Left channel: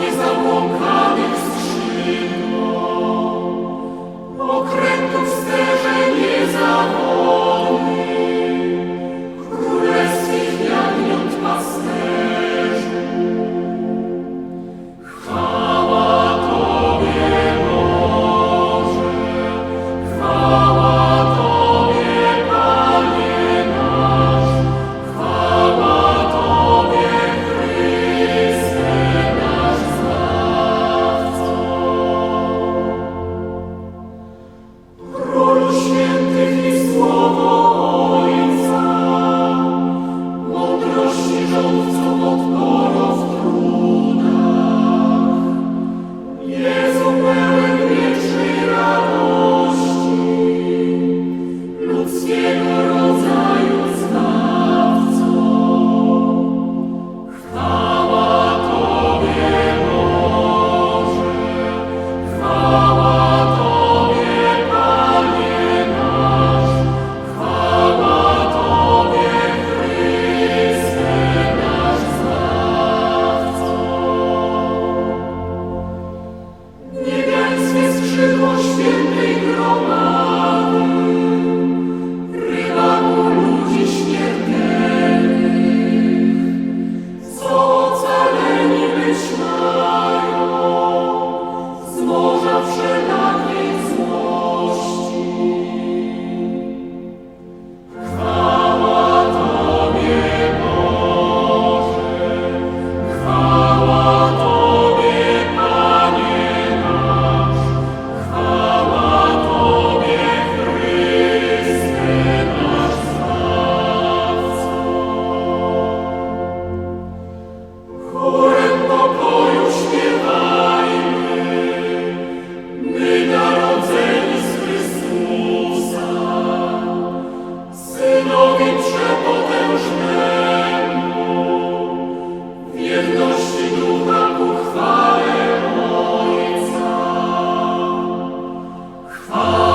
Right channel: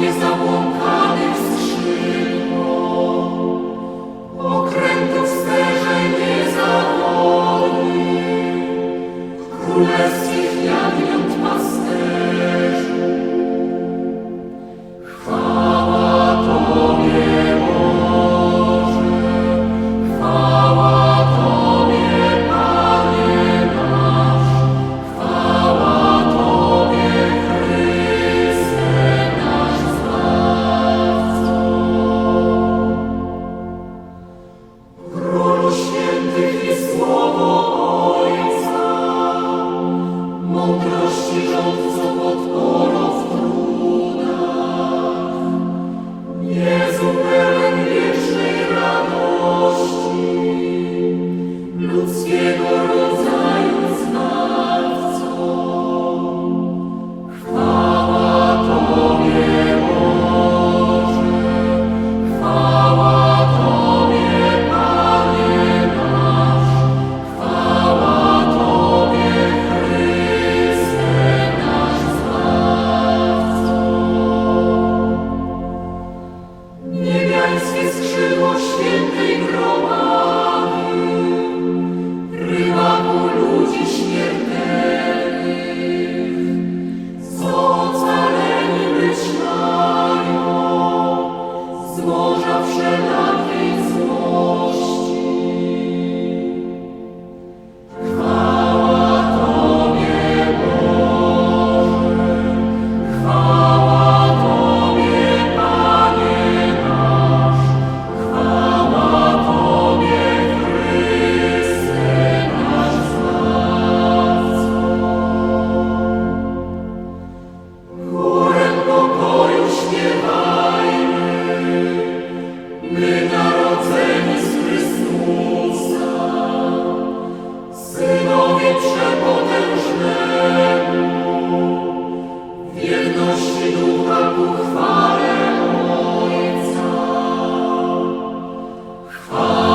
niezabłąkanych skrzydeł. skrzydło świętej gromady, rybaku ludzi śmiertelnych, co ocaleni być mają, z morza wszelak. Oh.